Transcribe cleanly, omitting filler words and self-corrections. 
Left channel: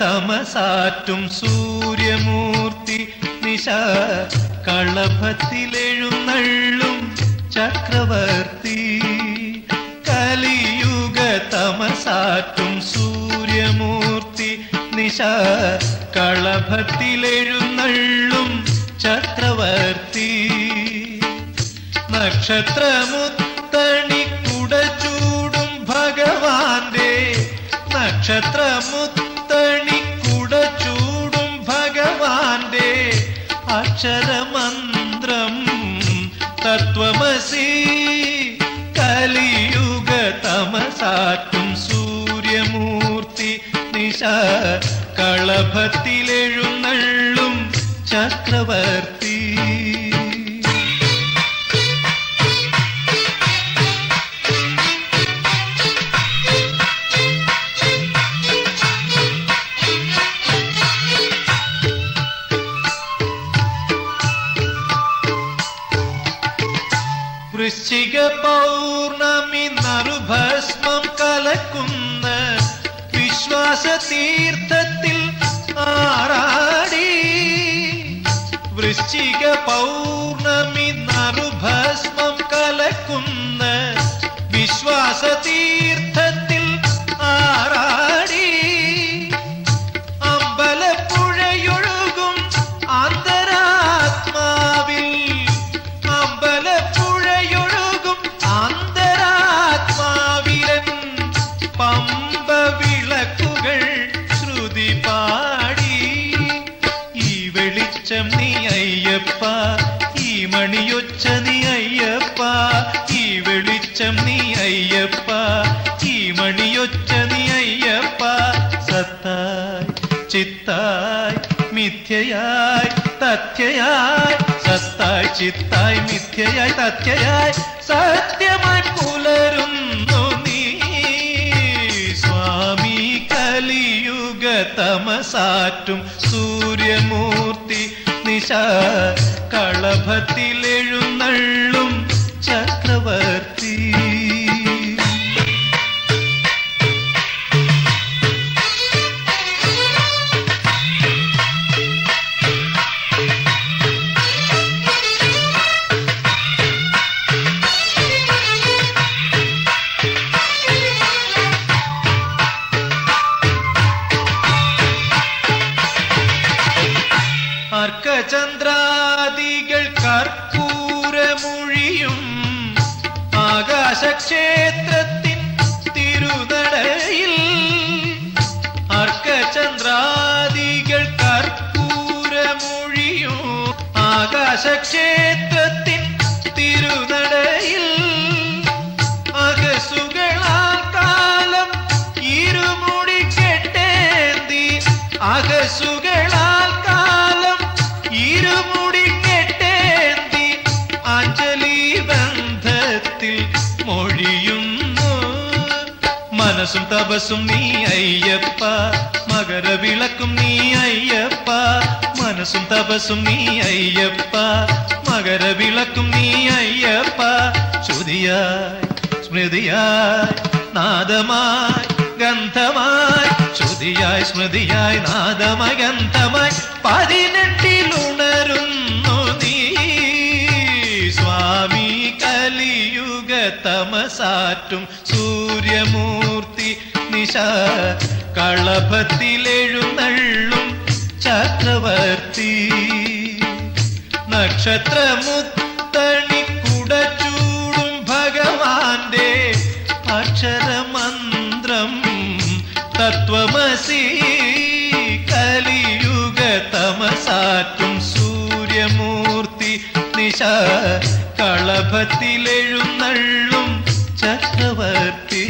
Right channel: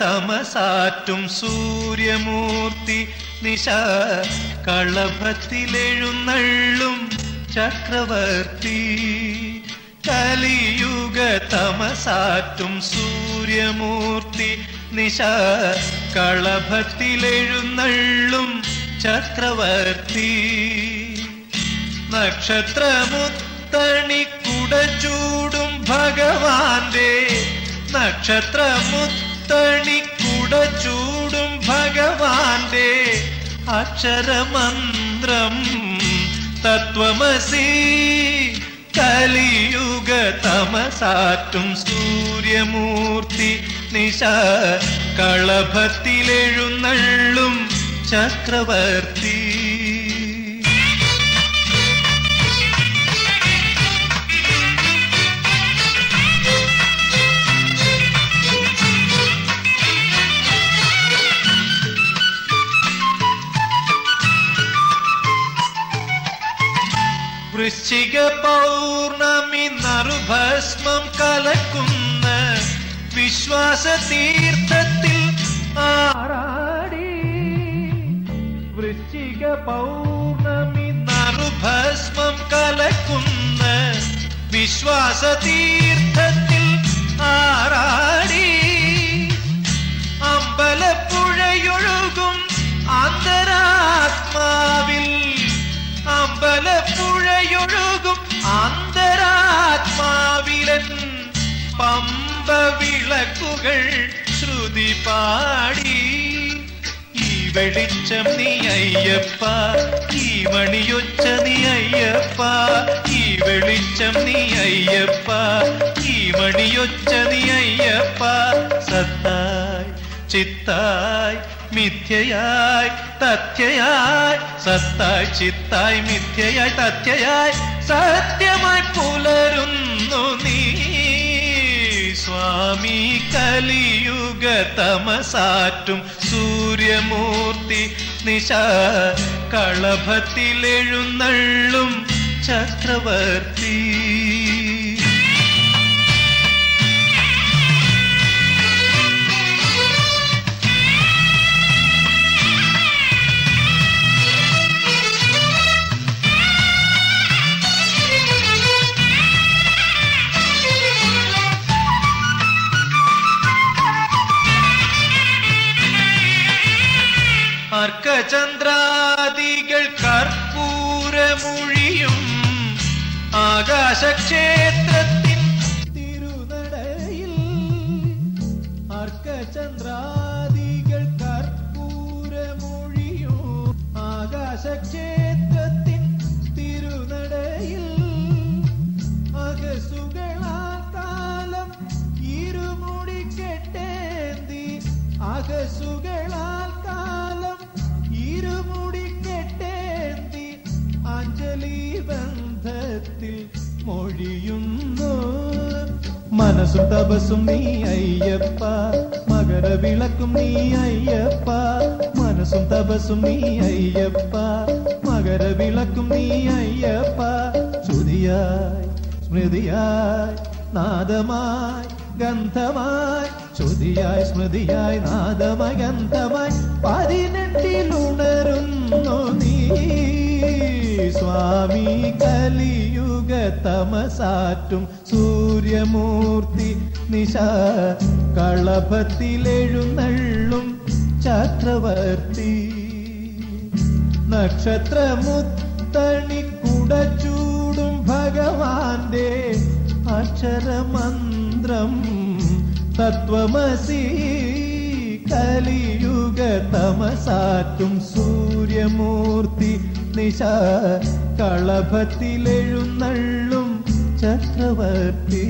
തമസാറ്റും സൂര്യമൂർത്തി നിശ കളഭത്തിലെഴുന്നള്ളും ചക്രവർത്തി. കലിയുഗ തമസാറ്റും സൂര്യമൂർത്തി നിശ കളഭത്തിലെഴുന്നള്ളും ചക്രവർത്തി. നക്ഷത്രമുത്തണിക്കുട ചൂടും ഭഗവാന്റെ നക്ഷത്രമുത്തണിക്കുട ചൂടും ഭഗവാന്റെ അക്ഷരമന്ത്രം തത്വമസി. കലിയുഗ തമസാറ്റും സൂര്യമൂർത്തി നിശ കളഭത്തിലെഴുന്നള്ളും ചക്രവർത്തി. വൃശ്ചിക പൗർണമി നറുഭസ്മം കലക്കുന്ന വിശ്വാസ തീർത്ഥത്തിൽ ആറാടി. വൃശ്ചിക പൗർണമി നറുഭസ്മം കലക്കുന്ന വിശ്വാസ തീർത്ഥത്തിൽ ആറാടി. അമ്പലപ്പുഴയൊഴുകും അന്തരാത്മാവിൽ അമ്പലപ്പുഴയൊഴുകും അന്തരാത്മാവിലൻ പമ്പ വിളക്കുകൾ ശ്രുതി പാടി. ഈ വെളിച്ചം നീ അയ്യപ്പ, ഈ മണിയൊച്ച നീ അയ്യപ്പ. ഈ വെളിച്ചം നീ അയ്യപ്പ, ഈ മണിയൊച്ച നീ അയ്യപ്പ. സത്തായി ചിത്തായി മിഥ്യയായി തഥ്യയായി, സത്തായി ചിത്തായി മിഥ്യയായി തഥ്യയായി സത്യമായി പുലരുന്നു നീ സ്വാമി. കലിയുഗ തമസാറ്റും സൂര്യമൂർത്തി നിശ കളഭത്തിലെഴുന്നള്ളും ചക്രവർത്തി. അർക്കചന്ദ്രാദികൾ കർപ്പൂരമൊഴിയും ആകാശക്ഷേത്രത്തിൻ തിരുനടയിൽ. അർക്കചന്ദ്രാദികൾ കർപ്പൂരമൊഴിയും ആകാശക്ഷേത്രത്തിൻ തിരുനടയിൽ. അകസുകളാൽ കാലം ഇരുമുടി കെട്ടേന്തി, അകസുകളാൽ കാലം ഇരുമുടി കെട്ടേന്തി അഞ്ജലി ബന്ധത്തിൽ മൊഴിയുന്നു. മനസ്സും തപസ്സും നീ അയ്യപ്പ, മകരവിളക്കും നീ അയ്യപ്പ. മനസ്സും തപസ്സും നീ അയ്യപ്പ, മകരവിളക്കും നീ അയ്യപ്പ. ശ്രുതിയായി സ്മൃതിയായി നാദമായി ഗന്ധമായി, ശ്രുതിയായി സ്മൃതിയായി നാദമായി ഗന്ധമായി 18 നീ സ്വാമി. കലിയുഗ തമസാറ്റും സൂര്യമൂർത്തി നിശ കളഭത്തിലെഴുന്നള്ളും ചക്രവർത്തി. നക്ഷത്രമുത്തണിക്കുട ചൂടും ഭഗവാന്റെ അക്ഷരമന്ത്രം തത്വമസി. കലിയുഗ തമസാറ്റും സൂര്യമൂർത്തി നിശ കളഭത്തിലെഴുന്നള്ളും ചക്രവർത്തി.